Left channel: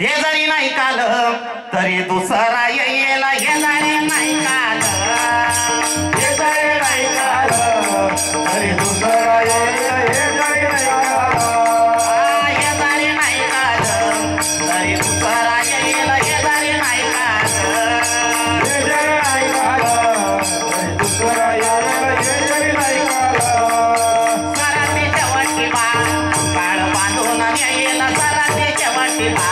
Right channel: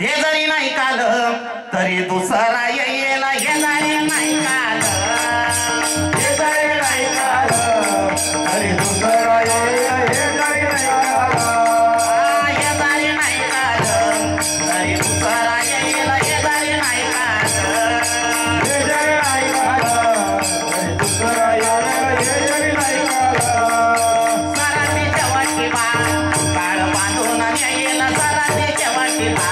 हे जरी नाही काल तरी दुसरा येईल, हे जरी नाही काल, हे जरी नाही काल तरी दुसरा येईल, हे जरी नाही काल, हे जरी नाही काल तरी दुसरा येईल, हे जरी नाही काल, हे जरी नाही काल तरी दुसरा येईल, हे जरी नाही काल. सरातीच्या वाटीला काळ बांधून येईल, सरातीच्या वाटीला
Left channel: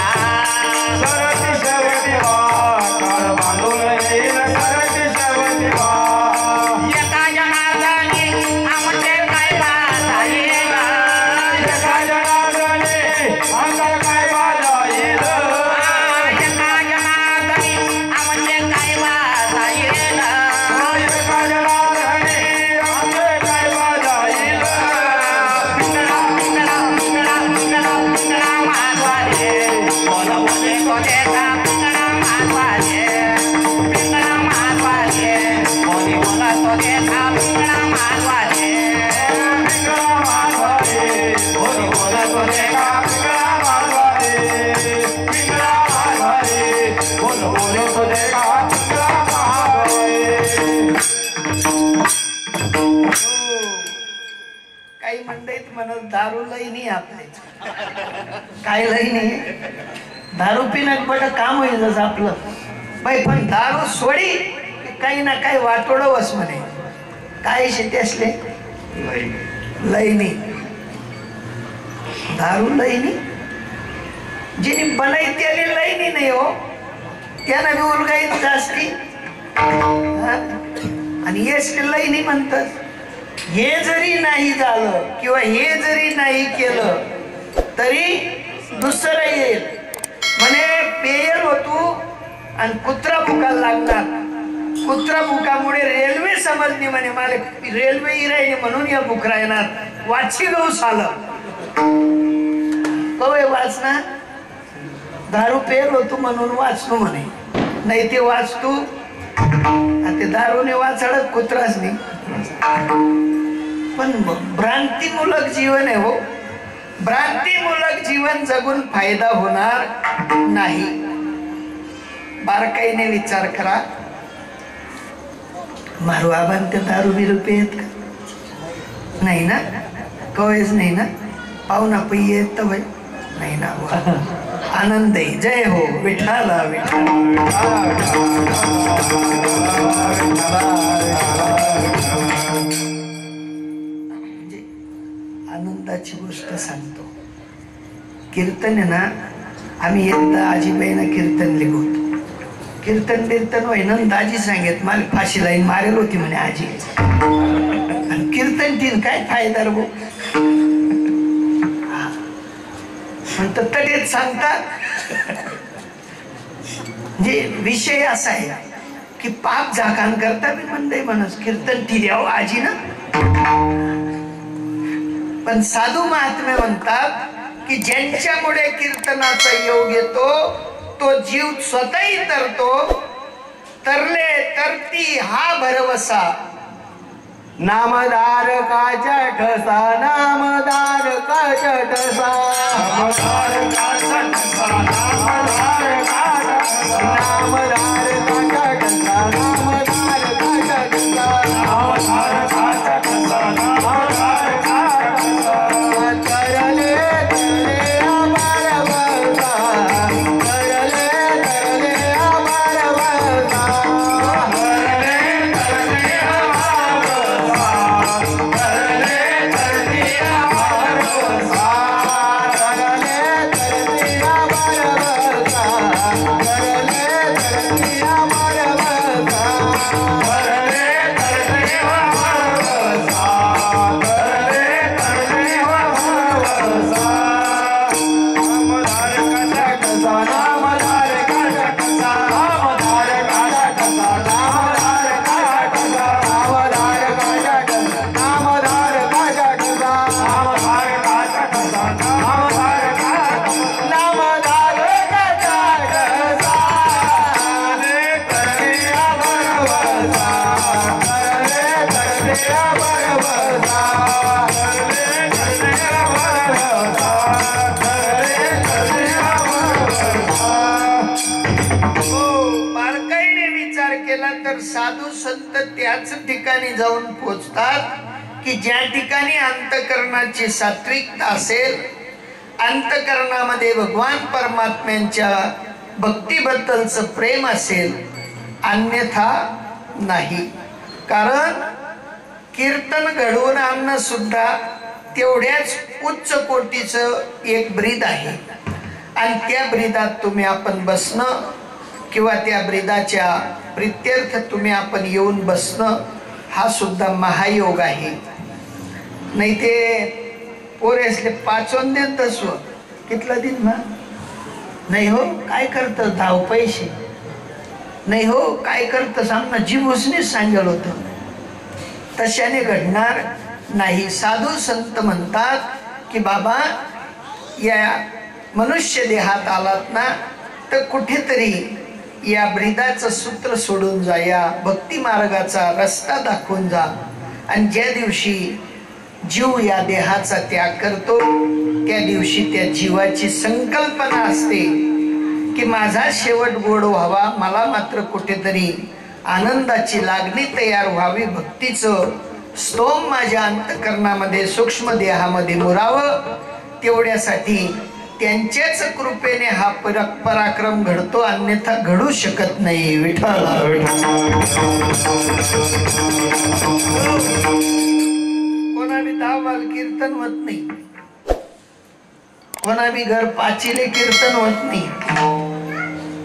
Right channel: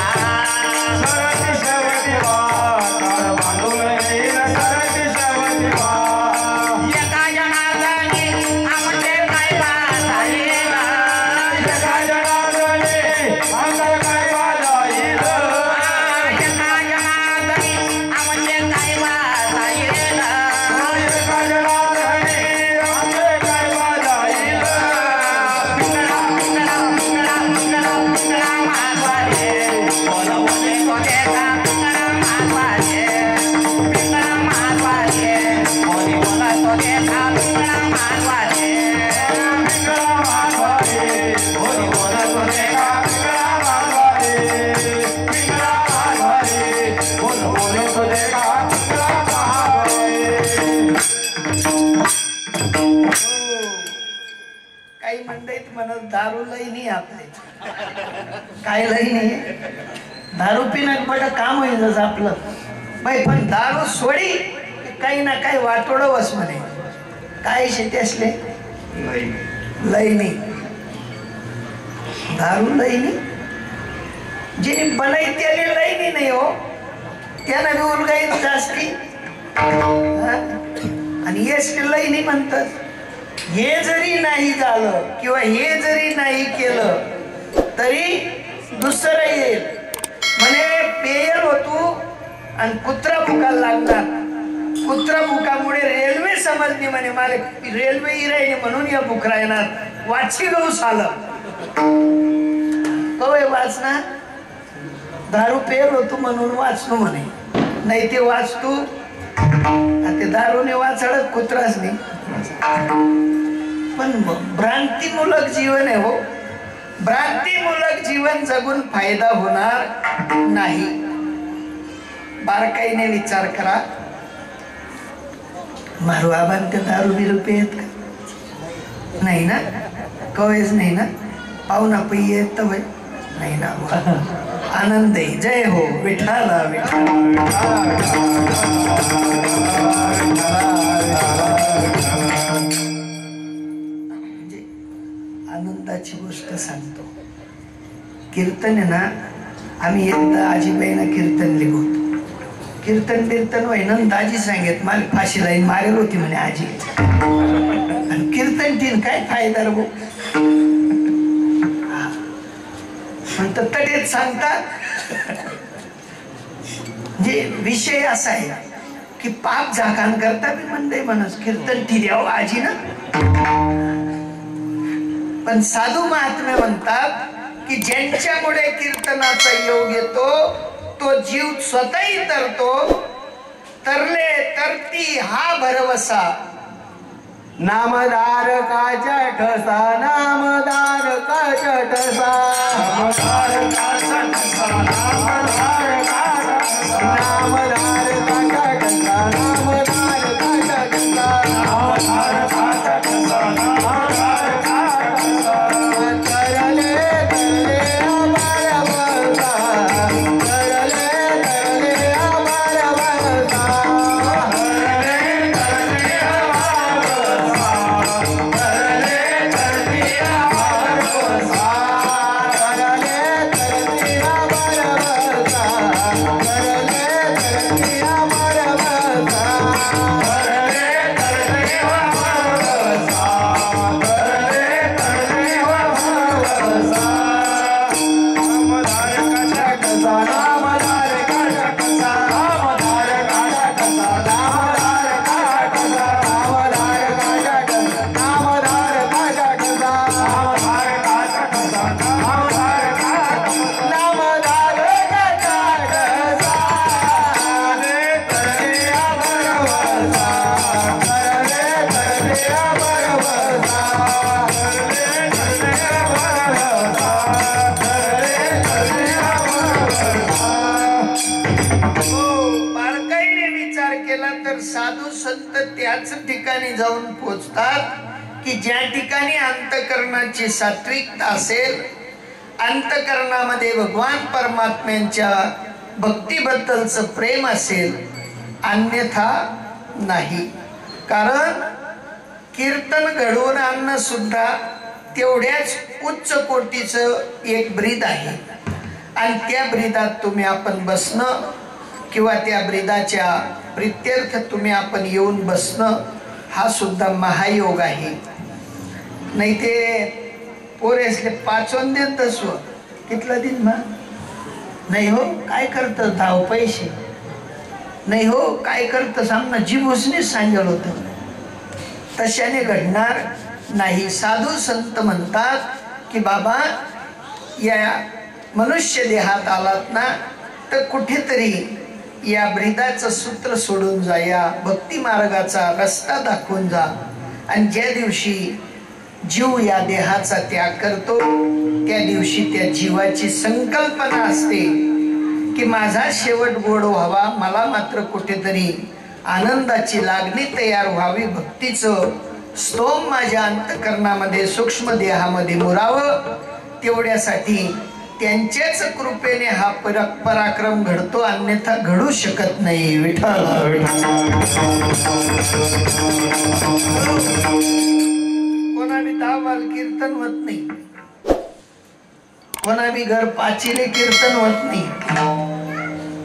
काही मंडईत म्हणत दारू लई नाही आपले, काय लई नाही, दारू पिण्यात बड काम होईल जसं आपलं बाई, पण दारू सोडी काही ना काही वाटोड वस म्हणे, काय शेती असले लई नाही, दारू लई नाही, जिने बनाई त्याने लई नाही हो, त्यानं बी उलगाईत जास्ती आणि येस लई नाही म्हणतात. हे जरी नाही झालं किंवा हे जरी नाही केलं तरी दुसरं येईल म्हणे, पेयल होतो आणि कुत्रा भुकायला लागणार, कुत्रा भुकामुळे रेल्वे समजली म्हणे, मला रेल्वे इरायने म्हणून या भुकरा येणार, वाची गौस आलं कवय वाचना, दारू पेल होतो म्हणून वाचलो म्हणे, नाही ते वाचतो ते दारूने वाचडत कुत्राच नाही. पण भ्रांतीमूलक जीवन आहे हो, भ्रांतीमूलक जीवन जगून फायदा होणार नाही. बारकाईने विचार करा, मारू आबान ते दारू बिरू पेत का नाही ना, कवयच नाही ना, पाहुणा पै येत भाई नाही ना, आनंद आहे. जय हो विठ्ठला आनंदाची गोष्ट सांगतो. कीर्तन आहे ना, आम्ही एकदा आजीबाईनं कीर्तन लिखवतो, कीर्तन बिर्तन व्हायना, दाजी सांगत मला फाशी लाईन मारेल होती म्हणे आजी, आणि कीर्तन तीन काय फायदा रे म्हणतात, तटेत सांगतात. जे विषय असा आहे की पाप झाकान करता मी म्हणते म्हणस कीर्तन ठिर्याव आजी ना, पण साधू महात्मे म्हणतात की ज्यांच्यामुळे कीर्तनाचा योग येतो तो जीव स्वतःही तरतो, तरले तरती हा भरवसा, नामदार काच्या ठसा, नामदार काच्या ठसा, नामदार काच्या ठसा, नामदार काच्या ठसा, नामदार काच्या ठसा, नामदार काच्या ठसा, नामदार काच्या ठसा, नामदार काच्या ठसा, करले करले अमर वरदा, करले करले अमर वरदा, करले करले साधू संत त्याच ठिकाणी जाऊन पोचतात की ज्या ठिकाणी अंतकरणाची सात्विकता असेल, अंतकरणामध्ये भगवान परमात्म्यांच्या भक्तीबद्दलचं प्रेम असेल, अन्यथा नाही. कारण कीर्तन घडवून आणणं सुद्धा तेवढ्याच उच्च कोटीचं एक ब्रीद आहे. आणि त्या ब्रीदात तुम्ही आपण बसणं किंवा त्या ब्रीदाच्या प्रित्यर्थ तुम्ही आपण येऊन बसणं हा सुद्धा महायोग आहे. नाही ते पोरेसले पाचवून देत तसं कितला दिन ना नाही हो काय करतं धाव पैसे नाही हो काय करतं सांग ना, जीव उसनेच सांगेल होतं. तशाने घडणार नाही. साधू संत म्हणतात की बाबा या मनुष्य देहात आलात ना तर कुठेतरी या ब्रीदाचं सूत्र सोडून जा, या भक्ती मार्गाचा रस्ता दाखवून जा. आणि ज्या दिवशी जीव या देहाचा त्याग करतो त्या दिवशी त्या जीवाची संकल्पना असते की माझा शेवट गोड व्हावा, मला मात्र कुठेतरी आनंदाची लागणी तयार व्हावी, भक्तीचं स्तोम माझ्या अंतकरणामध्ये सूक्ष्म देहामध्ये मुरावं. तेवढ्यासाठी त्यांच्याच कृपेने हा पराक्रम घडतो, अन्यथा घडू शकत नाही. विठ्ठल कोणा बी दावाल कीर्तन होत नाही, कोणा बी घर पाचिले कीर्तन होत नाही,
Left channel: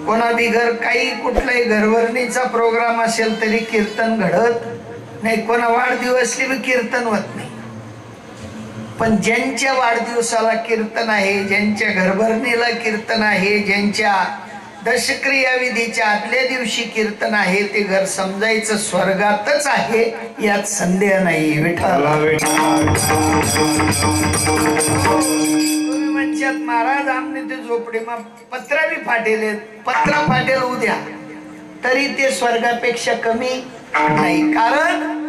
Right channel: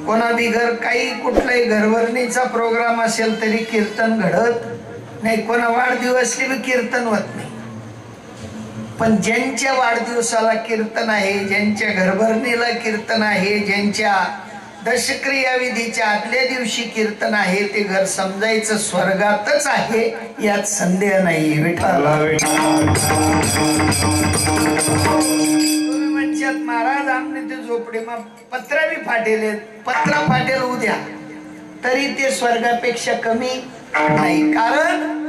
कोणा बी घर काही कुठलाही घरभरणीचा प्रोग्राम असेल तरी कीर्तन घडत नाही, कोणा वाढदिवसले बी कीर्तन होत नाही. पण ज्यांच्या वाढदिवसाला कीर्तन आहे, ज्यांच्या घरभरणीला कीर्तन आहे, ज्यांच्या दशक्रिया विधीच्या आदल्या दिवशी कीर्तन आहे, ते घर समजायचं स्वर्गातच आहे यात संदेह नाही. विठ्ठल म्हणतात महाराज आमने ते झोपडे मग पत्रा बी फाटेल, पत्रा फाटेल उद्या तरी ते स्वर्गापेक्षा कमी नाही. कारण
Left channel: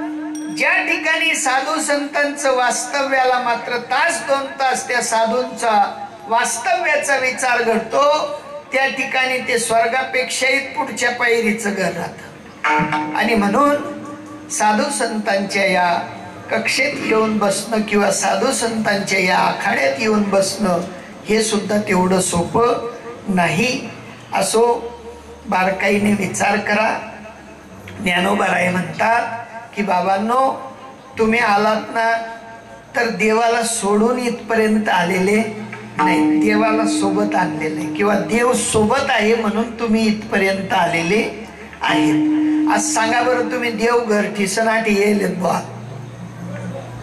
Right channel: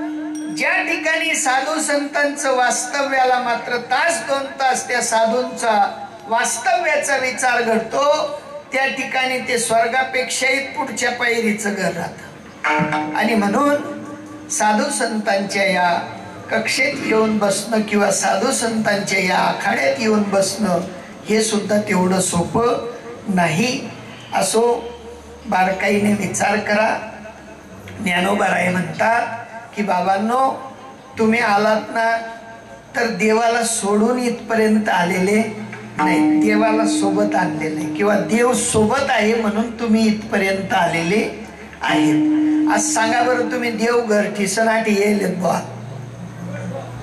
ज्या ठिकाणी साधू संतांचं वास्तव्याला मात्र तास दोन तास त्या साधूंचा वास्तव्याचा विचार घडतो, त्या ठिकाणी ते स्वर्गापेक्षाही पुढच्या पायरीचं घर राहतं. आणि म्हणून साधू संतांच्या या कक्षेत येऊन बसणं किंवा साधू संतांच्या या आखाड्यात येऊन बसणं हे सुद्धा तेवढं सोपं नाही. असो बारकाईने विचार करा. ज्ञानोबाराय म्हणतात की बाबांनो तुम्ही आलात ना तर देवाला सोडून इथपर्यंत आलेले नाही, देवाला सोबत आणलेले किंवा देव सोबत आहे म्हणून तुम्ही इथपर्यंत आलेले आहेत. आज सांगा बरं तुम्ही देव घर ठिसनाठी येईल बुवा,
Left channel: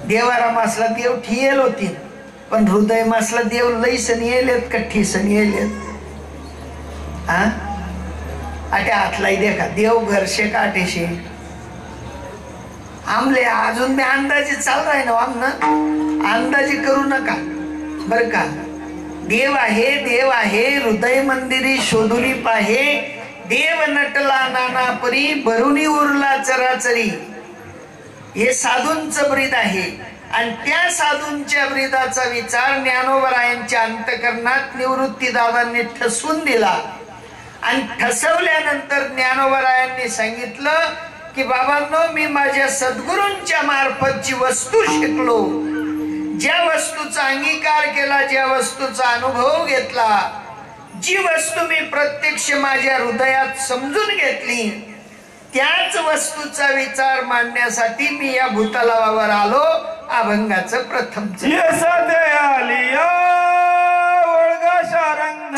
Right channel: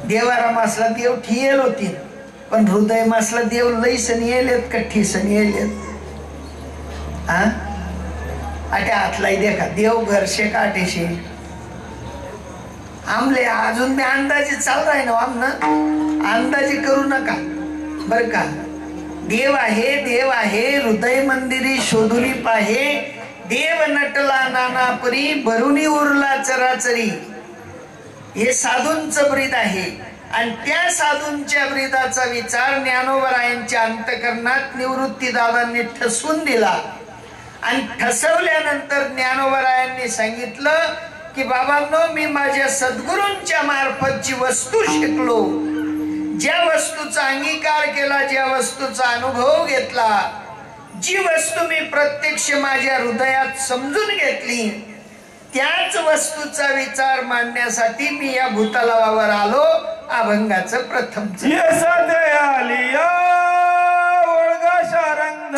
देवाराम असला देव ठियेल होती, पण हृदय मासला देव लईसन येलेत का ठिसन येलेत? हा आटे हातलाई देखा देव घरशे काटेशे आमले अजून मी अंदाजे चालू आहे ना, आमनं अंदाजे करू नका बर का. देव आहे, देव आहे, हृदय मंदिरी शोधुली पाहे, देव नटला नाना परी भरुनी उरला चराचरी. हे साधूंचं ब्रीद आहे आणि त्या साधूंच्या ब्रीदाचा विचार ज्ञानोबरायांच्या अंतकरणात निवृत्ती दादांनी ठसवून दिला. आणि ठसवल्यानंतर ज्ञानोबरायांनी सांगितलं की बाबांनो मी माझ्या सद्गुरूंच्या मार्फत जी वस्तू शिकलो, ज्या वस्तूचा अंगीकार केला, ज्या वस्तूचा अनुभव घेतला, जी वस्तू मी प्रत्यक्ष माझ्या हृदयात समजून घेतली, त्याच वस्तूचा विचार मांडण्यासाठी मी या भूतलावर आलो. अभंगाचं प्रथम शारंग